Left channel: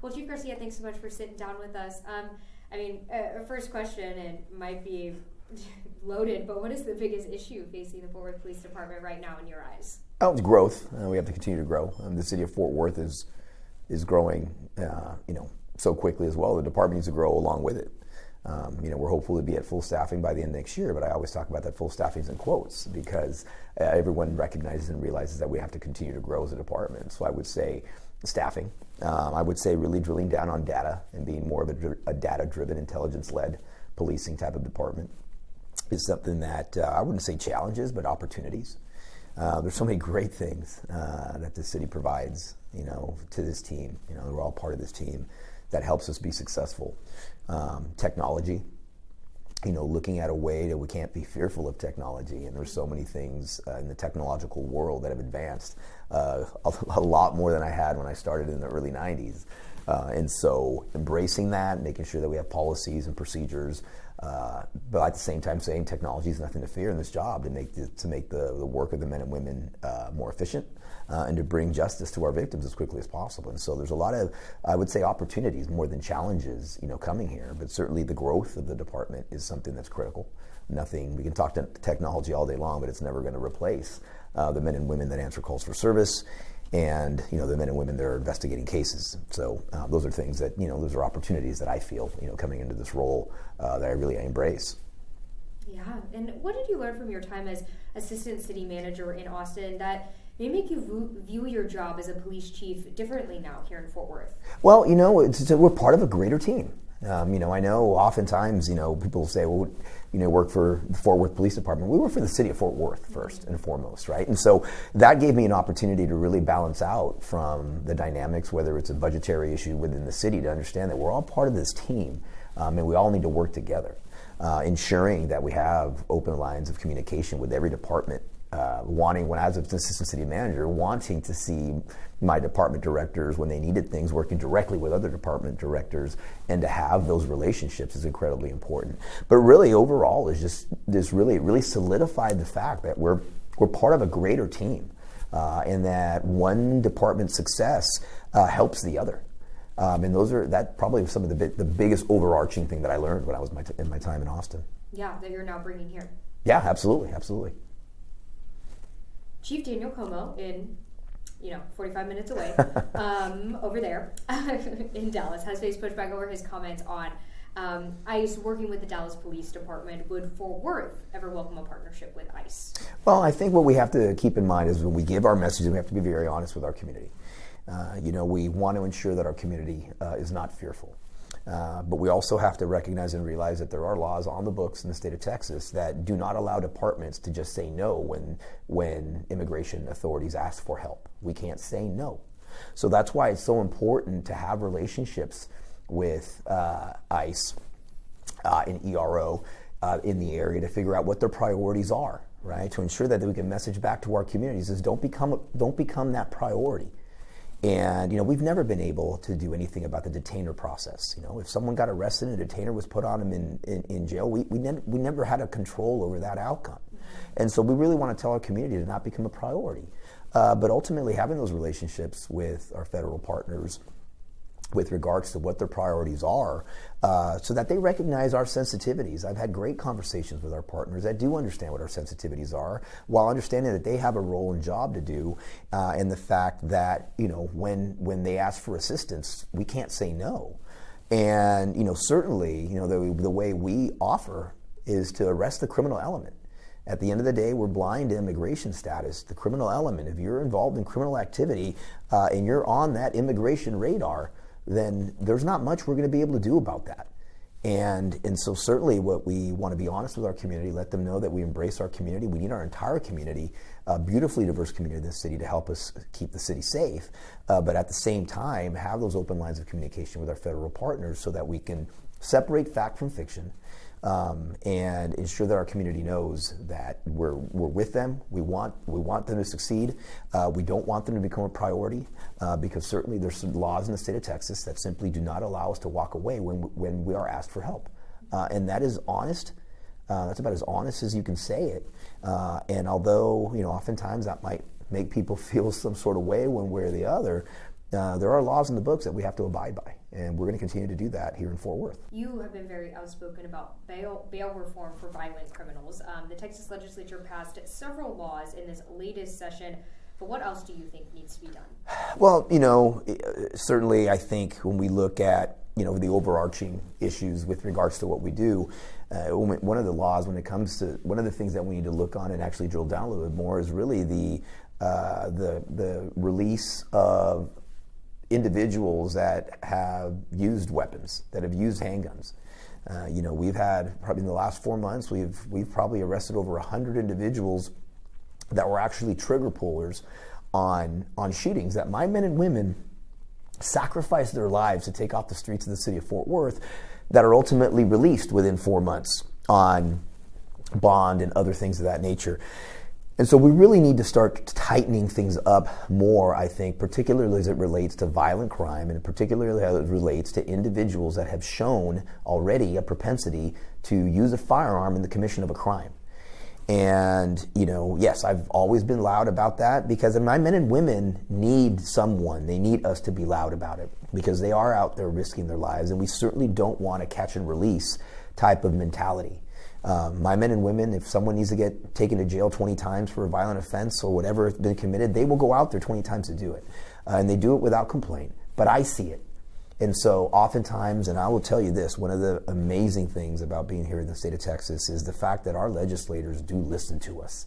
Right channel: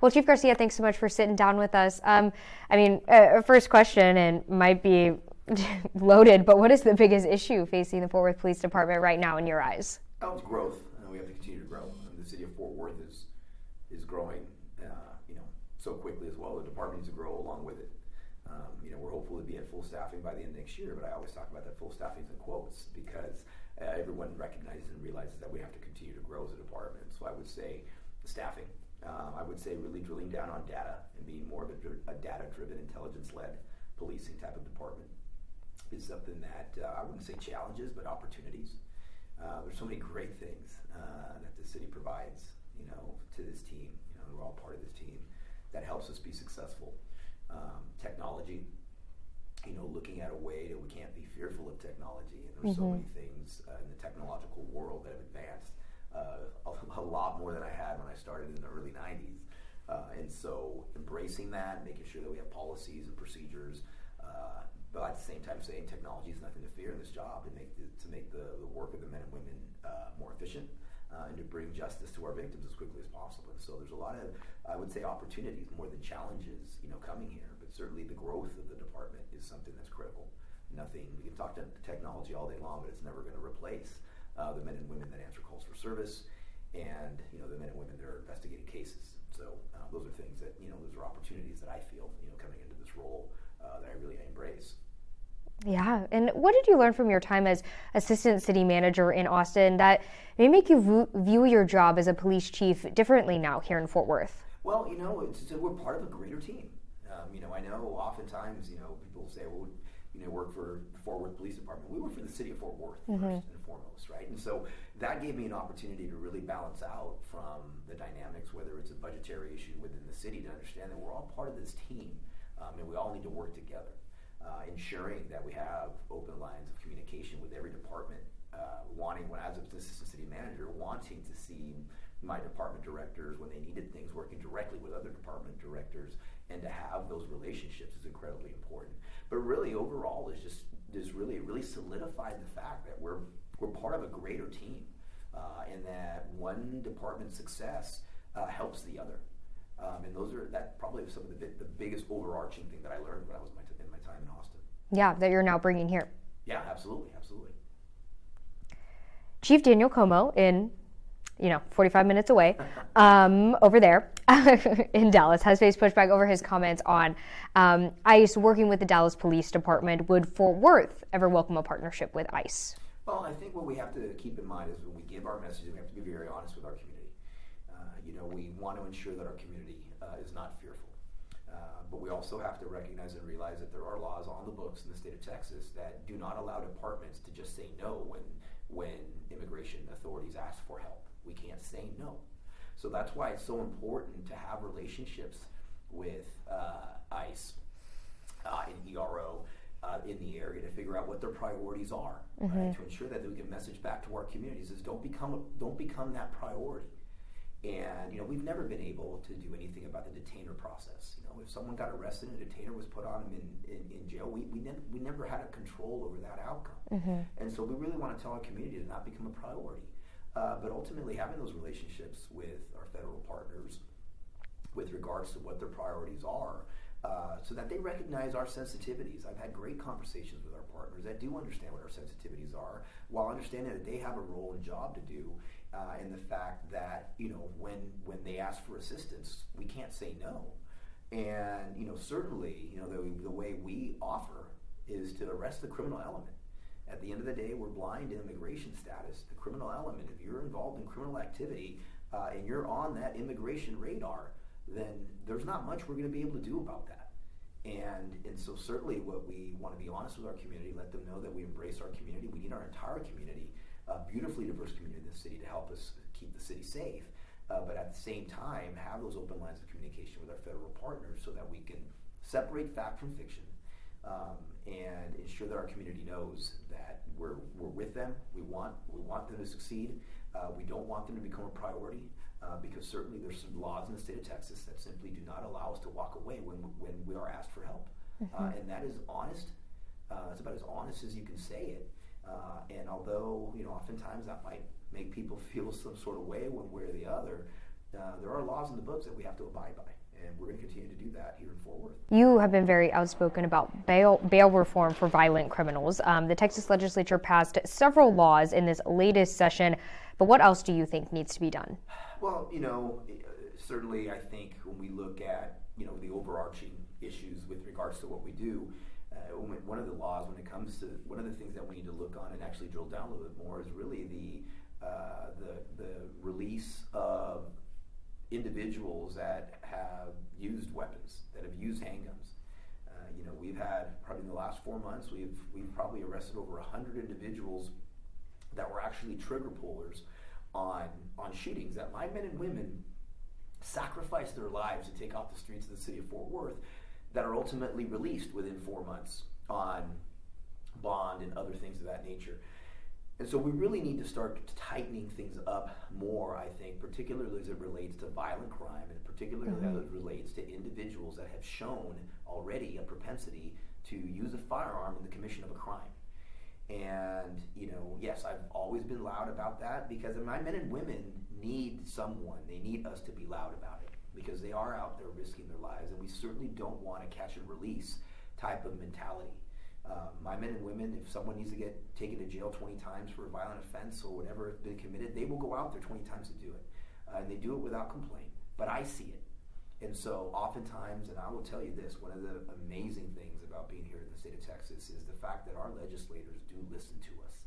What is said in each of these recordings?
Well, Chief Garcia, thanks so much for sitting down with us. First question, and might be loaded, but what is the biggest issue facing the Fort Worth Police Department right now in your eyes? Oh, it's growth. We have to continue to grow. The city of Fort Worth is growing, so quickly as well. The department needs to grow along with it. We're hopeful to be at full staffing by the end of next year, but I always talk about that full staffing in quotes because everyone recognizes and realizes that we have to continue to grow as a department. So I would say staffing. I would say really drilling down on data and being more of a data-driven, intelligence-led policing type of department is something that I wouldn't say challenges, but opportunities. There's so many great things that the city provides, to this team. We're all part of this team that helps us be successful. Technology, looking at a way that we can't be fearful of technology, and there's so many things in the technological world that have advanced a lot more than I had when I started in the early 90s. And so embracing that, making sure that we have policies and procedures, but at the same time saying technology is nothing to fear in this job to make the work of the men and women more efficient and to bring justice to our victims as quickly as possible. And so there's a lot of, I would say, opportunities more than challenges, coming here, but certainly the growth of the department is something that's critical. We can talk to technology all day long, but it's never going to replace the men and women that answer calls for service and the men and women that are investigating cases. So those are things that those are opportunities that I feel coming into this role that I really embrace. Yeah, and what did you learn from your time as assistant city manager in Austin that may make you view your job as a police chief differently now here in Fort Worth? Well, we're part of a greater team. I know oftentimes people say, well, work for the Fort Worth Police Department. We work for the city of Fort Worth first and foremost, right? And so that gave me an opportunity to really balance out from the dynamics, whether it's a budgetary issue within the city, to understand that we're all part of this team and we all need to work together, ensuring that we have open lines of communication with every department, when I was an assistant city manager, wanting to see my department directors when they needed things, working directly with other department directors, and to have those relationships is incredibly important. But really, overall, is just this really solidified the fact that we're part of a greater team, and that one department's success helps the other. And that probably was some of the biggest overarching thing that I learned when I was in my time in Austin. Yeah, that you're now bringing here. Yeah, absolutely. Chief Daniel Como in 45 minutes away, over there in Dallas, has faced pushback over his comments on ICE working with the Dallas Police Department. Would Fort Worth ever welcome a partnership with ICE? Well, I think what we have to keep in mind is when we give our messages, we have to be very honest with our community. We want to ensure that our community is not fearful. But we also have to recognize and realize that there are laws on the books in the state of Texas that do not allow departments to just say no when immigration authorities ask for help. We can't say no. So that's why it's so important to have relationships with ICE and ERO in the area to figure out what their priorities are, right? To ensure that we can message back to our communities is don't become that priority. And we've never been able to do anything about the detainer process. If someone got arrested and a detainer was put on them in jail, we never had a control over that outcome. And so we really want to tell our community to not become a priority. But ultimately, having those relationships with our federal partners with regards to what their priorities are, so that they recognize our sensitivities. I've had great conversations with our partners that do understand what our sensitivities are, while understanding that they have a role and job to do, and the fact that when they ask for assistance, we can't say no. And certainly, the way we offer is to arrest the criminal element. At the end of the day, we're blind to immigration status. The criminal element, if you're involved in criminal activity and you're on that immigration radar, then there's not much we're going to be able to do about that. And so certainly what we want to be honest with our community, let them know that we embrace our community. We need our entire community, a beautifully diverse community in this city, to help us keep the city safe. But at the same time, have those open lines of communication with our federal partners so that we can separate fact from fiction, and ensure that our community knows that we're with them. We want them to succeed. We don't want them to become a priority, because certainly there's some laws in the state of Texas that simply do not allow us to walk away when we are asked for help. And that is honest. That's about as honest as you can say it. And although oftentimes that might make people feel some sort of way one way or the other, there are laws in the books that we have to abide by, and we're going to continue to do that here in Fort Worth. You have been very outspoken about bail reform for violent criminals. The Texas legislature passed several laws in this latest session, but what else do you think needs to be done? Well, certainly I think when we look at, the overarching issues with regards to what we do, one of the laws, when it comes to, one of the things that we need to look on and actually drill down a little bit more is really the release of individuals that have used weapons, that have used handguns. We've had, probably in the last 4 months, we've probably arrested over 100 individuals that were actually trigger pullers on shootings that my men and women sacrificed their lives to take off the streets of the city of Fort Worth, that are ultimately released within 4 months on bond and other things of that nature. And so we really need to start tightening things up more, I think, particularly as it relates to violent crime, and particularly as it relates to individuals that have shown already a propensity to use a firearm in the commission of a crime. And, yes, I've always been loud about that, because my men and women need someone. They need us to be loud about it, because they are out there risking their lives, and we certainly don't want a catch and release type of mentality. My men and women, if someone needs to get taken to jail 20 times for a violent offense or whatever has been committed, they will go out there 20 times to do it. And they do it without complaint. But I see it. And so oftentimes, and I will tell you this, one of the amazing things about being here in the state of Texas is the fact that our legislators do listen to us.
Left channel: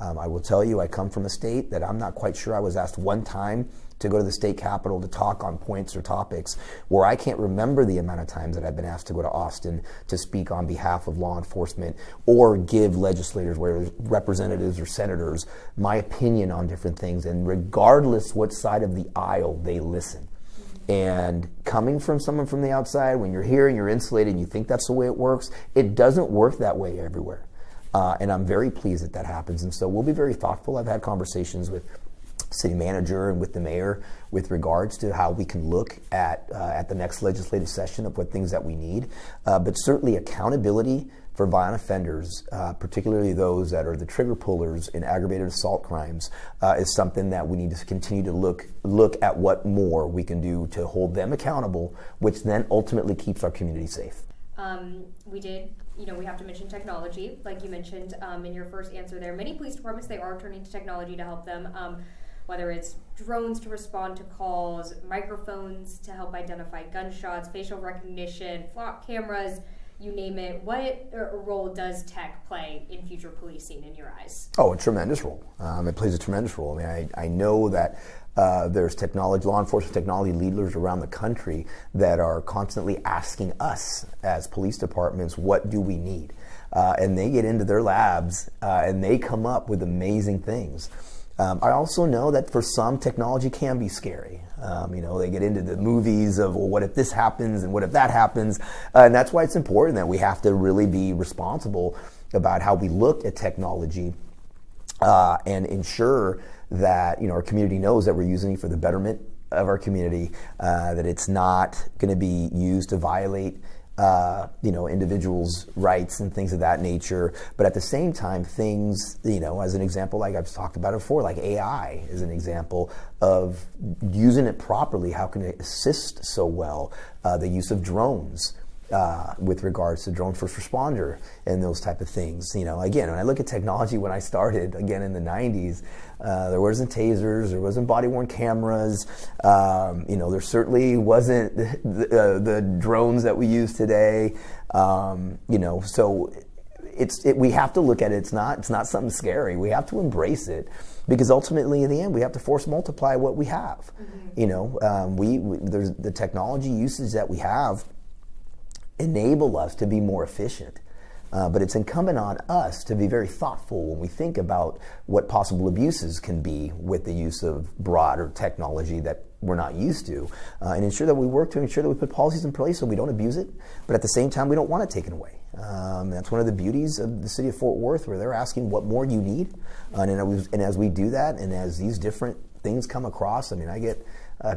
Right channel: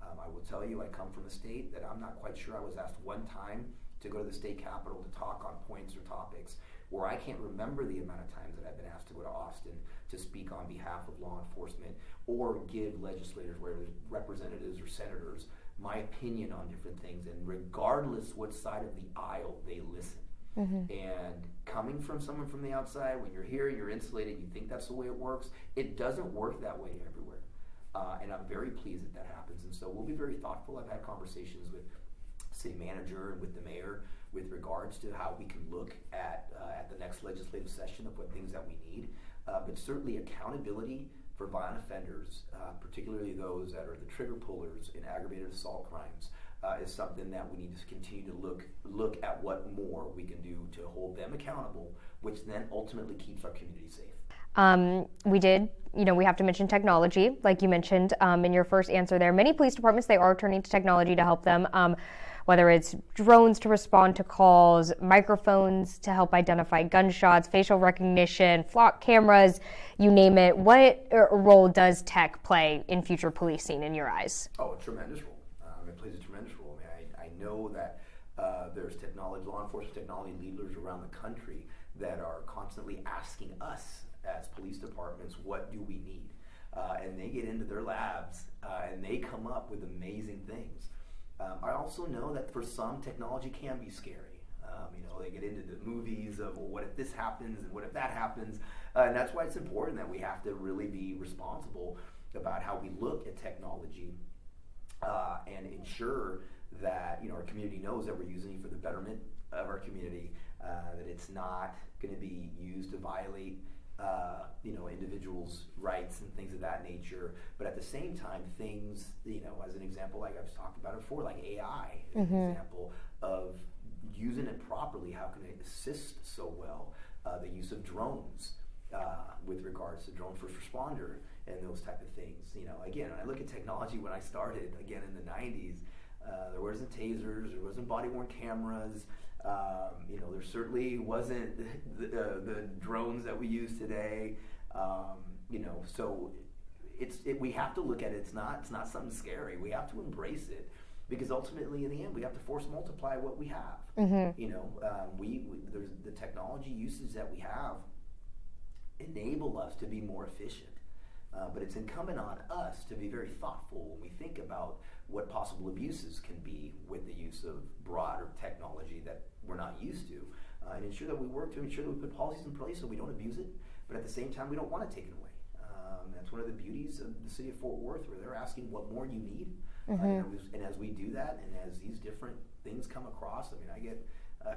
I will tell you, I come from a state that I'm not quite sure I was asked one time to go to the state capitol to talk on points or topics, where I can't remember the amount of times that I've been asked to go to Austin to speak on behalf of law enforcement or give legislators, whether representatives or senators, my opinion on different things. And regardless what side of the aisle, they listen. Mm-hmm. And coming from someone from the outside, when you're here and you're insulated and you think that's the way it works, it doesn't work that way everywhere. And I'm very pleased that happens. And so we'll be very thoughtful. I've had conversations with city manager and with the mayor with regards to how we can look at the next legislative session of what things that we need. But certainly accountability for violent offenders, particularly those that are the trigger pullers in aggravated assault crimes, is something that we need to continue to look at what more we can do to hold them accountable, which then ultimately keeps our community safe. We have to mention technology, like you mentioned in your first answer there. Many police departments, they are turning to technology to help them, whether it's drones to respond to calls, microphones to help identify gunshots, facial recognition, flock cameras, you name it. What role does tech play in future policing in your eyes? Oh, a tremendous role. It plays a tremendous role. I mean, I know that there's law enforcement technology leaders around the country that are constantly asking us as police departments, what do we need? And they get into their labs and they come up with amazing things. I also know that for some, technology can be scary. They get into the movies of, well, what if this happens and what if that happens? And that's why it's important that we have to really be responsible about how we look at technology and ensure that our community knows that we're using it for the betterment of our community, that it's not going to be used to violate individuals' rights and things of that nature. But at the same time, things, as an example, like I've talked about it before, like AI is an example of using it properly. How can it assist so well? The use of drones. With regards to drone first responder and those type of things. Again, when I look at technology, when I started, again, in the 90s, there wasn't tasers, there wasn't body-worn cameras, there certainly wasn't the drones that we use today, so we have to look at it. It's not something scary. We have to embrace it. Because ultimately, in the end, we have to force multiply what we have. There's the technology usage that we have enable us to be more efficient. But it's incumbent on us to be very thoughtful when we think about what possible abuses can be with the use of broader technology that we're not used to, and ensure that we work to ensure that we put policies in place so we don't abuse it, but at the same time, we don't want it taken away. That's one of the beauties of the city of Fort Worth, where they're asking what more you need. And as we do that, and as these different things come across, I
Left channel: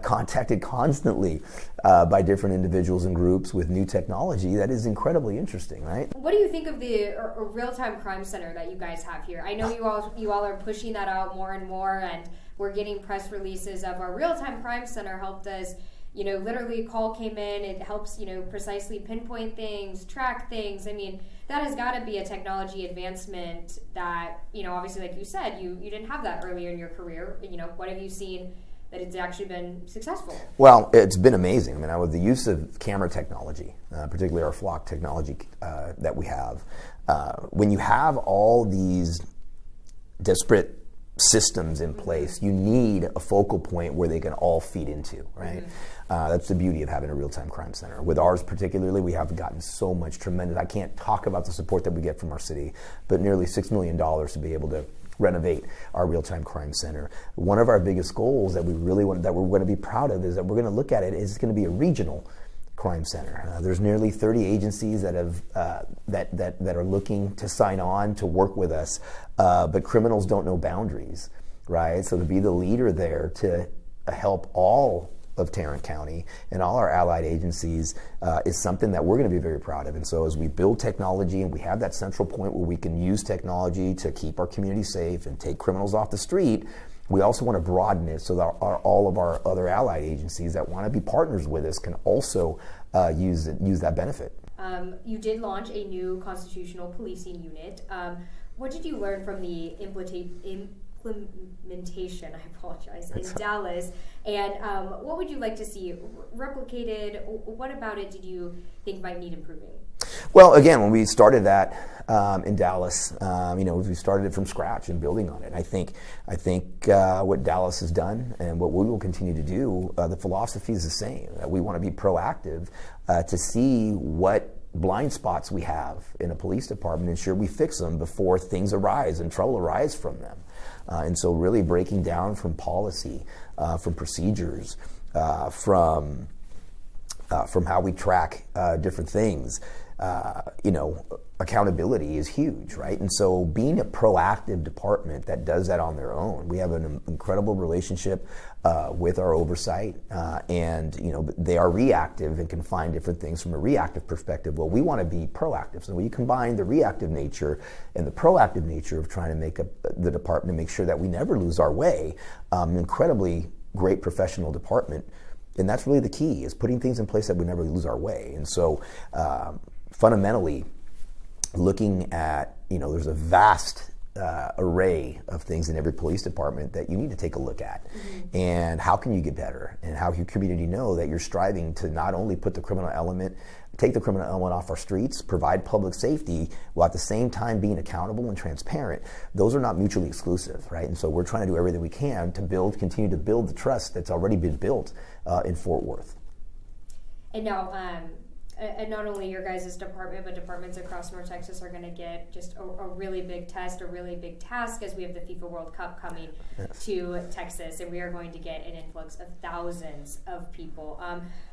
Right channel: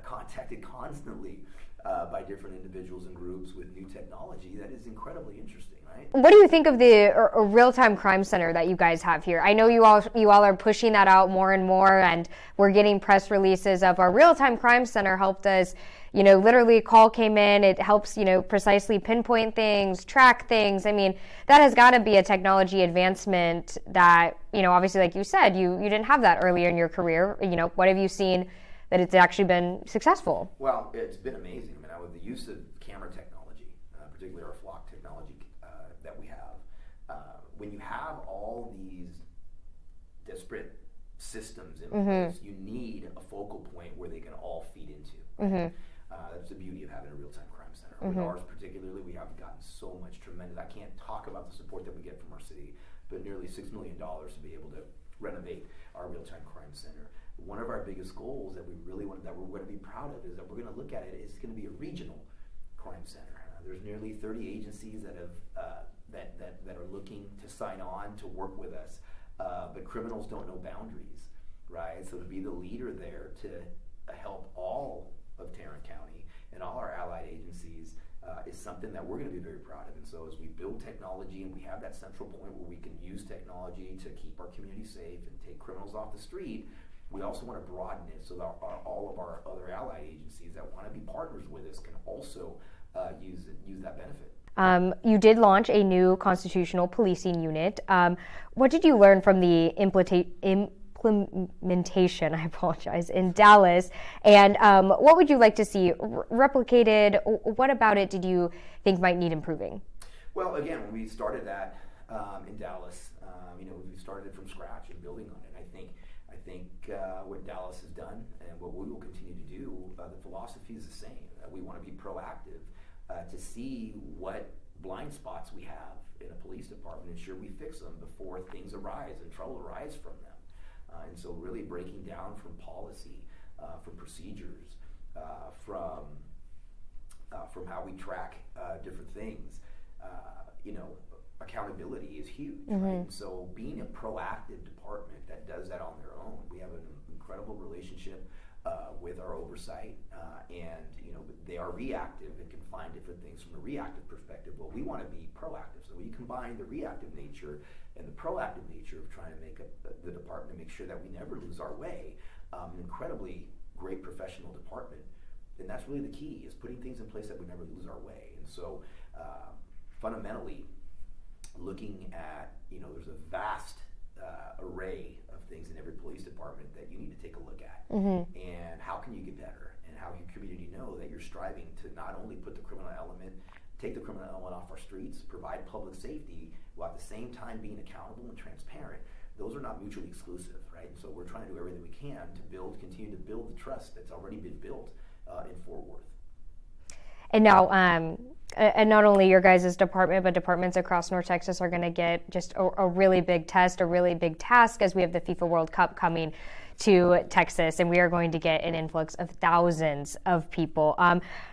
contacted constantly by different individuals and groups with new technology that is incredibly interesting, right? What do you think of the real-time crime center that you guys have here? I know you all are pushing that out more and more, and we're getting press releases of our real-time crime center helped us. Literally a call came in, it helps, precisely pinpoint things, track things. I mean, that has got to be a technology advancement that, obviously, like you said, you didn't have that earlier in your career. What have you seen that it's actually been successful? Well, it's been amazing. I mean, with the use of camera technology, particularly our flock technology that we have, when you have all these disparate systems in place, you need a focal point where they can all feed into, right? That's the beauty of having a real-time crime center. With ours particularly, we have gotten so much tremendous, I can't talk about the support that we get from our city, but nearly $6 million to be able to renovate our real-time crime center. One of our biggest goals that we really want, that we're going to be proud of, is that we're going to look at it is it's going to be a regional crime center. There's nearly 30 agencies that have that are looking to sign on to work with us, but criminals don't know boundaries, right? So to be the leader there to help all of Tarrant County and all our allied agencies is something that we're going to be very proud of. And so as we build technology and we have that central point where we can use technology to keep our community safe and take criminals off the street, we also want to broaden it so that all of our other allied agencies that want to be partners with us can also use that benefit. You did launch a new constitutional policing unit. What did you learn from the implementation, in Dallas, and what would you like to see replicated? What about it did you think might need improving? Well, again, when we started that in Dallas, we started it from scratch and building on it. I think what Dallas has done and what we will continue to do, the philosophy is the same. That we want to be proactive to see what blind spots we have in a police department, ensure we fix them before things arise and trouble arise from them. And so really breaking down from policy, from procedures, from how we track different things. Accountability is huge, right? And so being a proactive department that does that on their own, we have an incredible relationship with our oversight, and they are reactive and can find different things from a reactive perspective. Well, we want to be proactive, so when you combine the reactive nature and the proactive nature of trying to make the department, make sure that we never lose our way, an incredibly great professional department. And that's really the key, is putting things in place that we never lose our way. And so fundamentally, looking at, there's a vast array of things in every police department that you need to take a look at. And how can you get better? And how can your community know that you're striving to not only put the criminal element, take the criminal element off our streets, provide public safety, while at the same time being accountable and transparent. Those are not mutually exclusive, right? And so we're trying to do everything we can to continue to build the trust that's already been built in Fort Worth. And now, and not only your guys' department, but departments across North Texas are going to get just a really big test, a really big task, as we have the FIFA World Cup coming to Texas, and we are going to get an influx of thousands of people.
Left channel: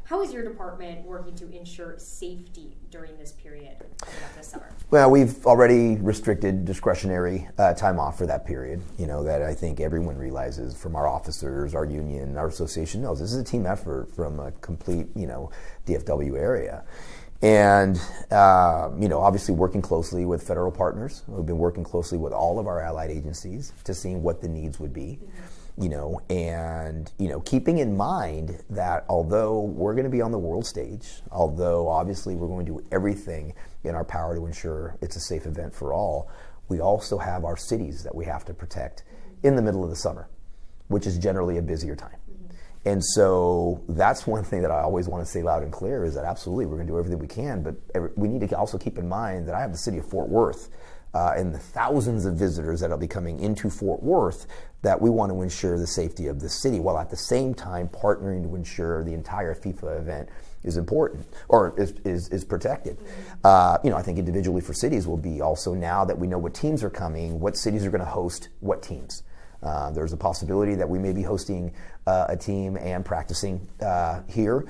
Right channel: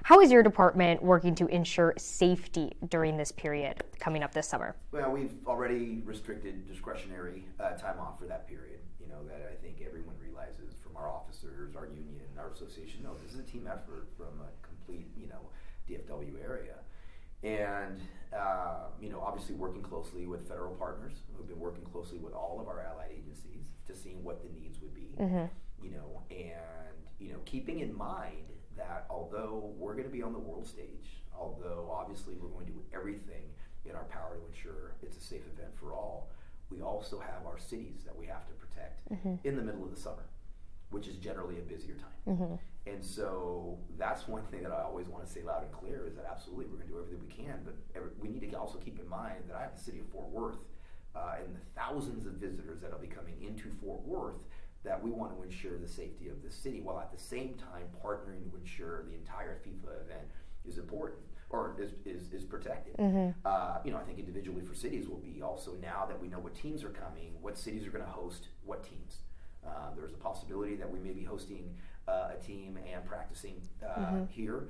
How is your department working to ensure safety during this period coming up this summer? Well, we've already restricted discretionary time off for that period, that I think everyone realizes, from our officers, our union, our association knows this is a team effort from a complete, DFW area. And, obviously working closely with federal partners. We've been working closely with all of our allied agencies to see what the needs would be, and, keeping in mind that although we're going to be on the world stage, although obviously we're going to do everything in our power to ensure it's a safe event for all, we also have our cities that we have to protect in the middle of the summer, which is generally a busier time. And so that's one thing that I always want to say loud and clear, is that absolutely we're going to do everything we can, but we need to also keep in mind that I have the city of Fort Worth and the thousands of visitors that will be coming into Fort Worth, that we want to ensure the safety of the city, while at the same time partnering to ensure the entire FIFA event is important, or is protected. I think individually for cities will be also, now that we know what teams are coming, what cities are going to host what teams. There's a possibility that we may be hosting a team and practicing here,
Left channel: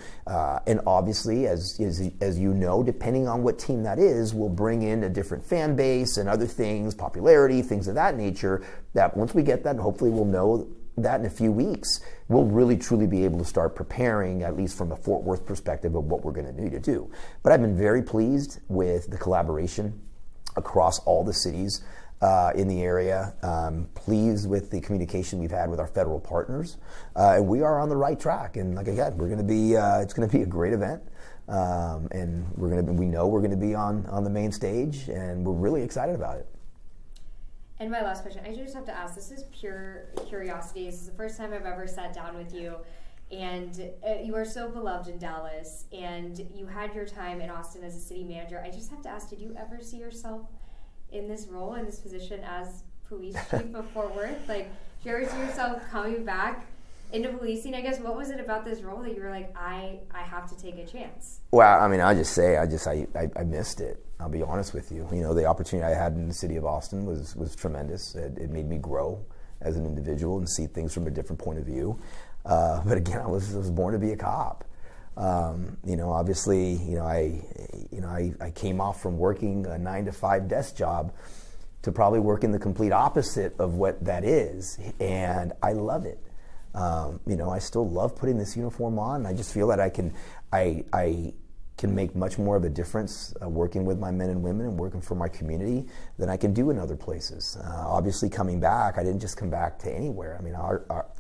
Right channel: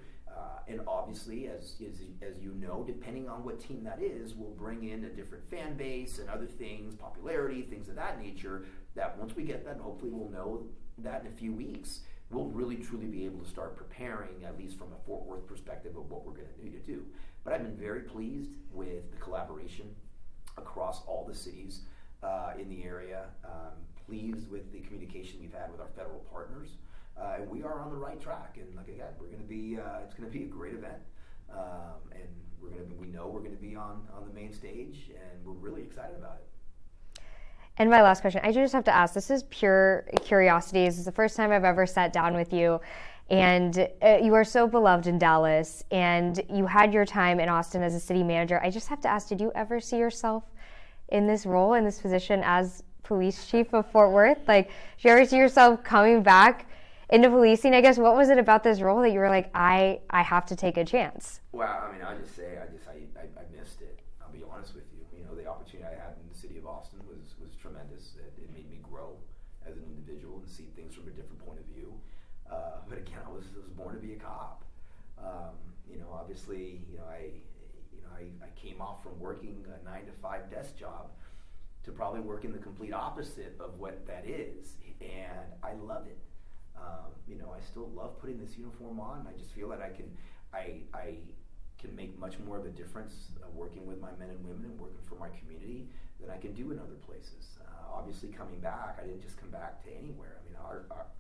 and obviously, as you know, depending on what team that is, we'll bring in a different fan base and other things, popularity, things of that nature, that once we get that, hopefully we'll know that in a few weeks, we'll really truly be able to start preparing, at least from a Fort Worth perspective, of what we're going to need to do. But I've been very pleased with the collaboration across all the cities in the area. Pleased with the communication we've had with our federal partners, and we are on the right track. And like I said, we're going to be it's going to be a great event, and we know we're going to be on the main stage, and we're really excited about it. And my last question, I just have to ask, this is pure curiosity. This is the first time I've ever sat down with you, and you are so beloved in Dallas, and you had your time in Austin as a city manager. I just have to ask, did you ever see yourself in this role, in this position as police chief of Fort Worth? Like, did you ever see yourself coming back into policing? I guess, what was it about this role that you were like, I have to take a chance? Well, I mean, I just say, I missed it. I'll be honest with you. You know, the opportunity I had in the city of Austin was tremendous. It made me grow as an individual and see things from a different point of view. But again, I was born to be a cop. You know, obviously, I came off from working a 9-to-5 desk job to probably working the complete opposite of what that is, and I love it. You know, I still love putting this uniform on. I just feel that I can make much more of a difference working with my men and women and working for my community than I can do in other places. Obviously, coming back, I didn't just come back to anywhere. I mean,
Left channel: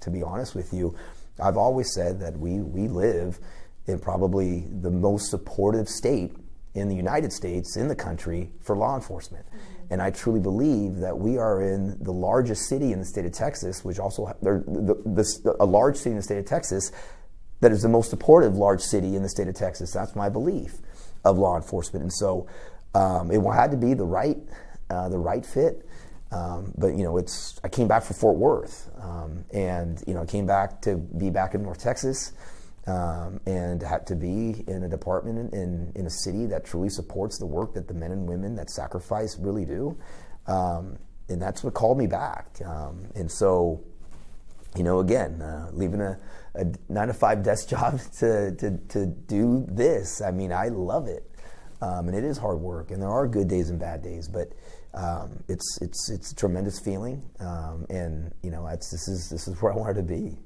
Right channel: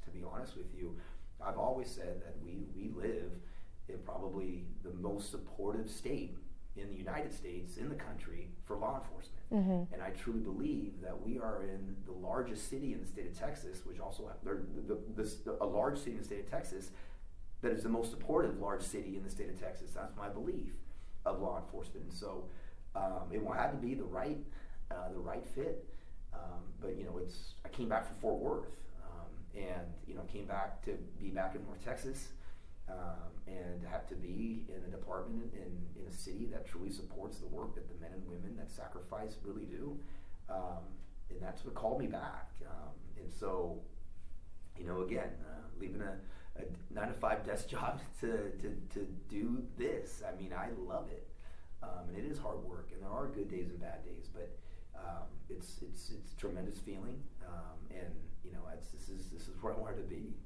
to be honest with you, I've always said that we live in probably the most supportive state in the United States, in the country, for law enforcement. Mm-hmm. And I truly believe that we are in the largest city in the state of Texas, which also, a large city in the state of Texas, that is the most supportive large city in the state of Texas. That's my belief of law enforcement. And so it had to be the right fit. But you know, I came back from Fort Worth, and you know, I came back to be back in North Texas, and had to be in a department in a city that truly supports the work that the men and women that sacrifice really do. And that's what called me back. And so, you know, again, leaving a 9-to-5 desk job to do this. I mean, I love it, and it is hard work, and there are good days and bad days, but it's a tremendous feeling, and you know, this is where I wanted to be.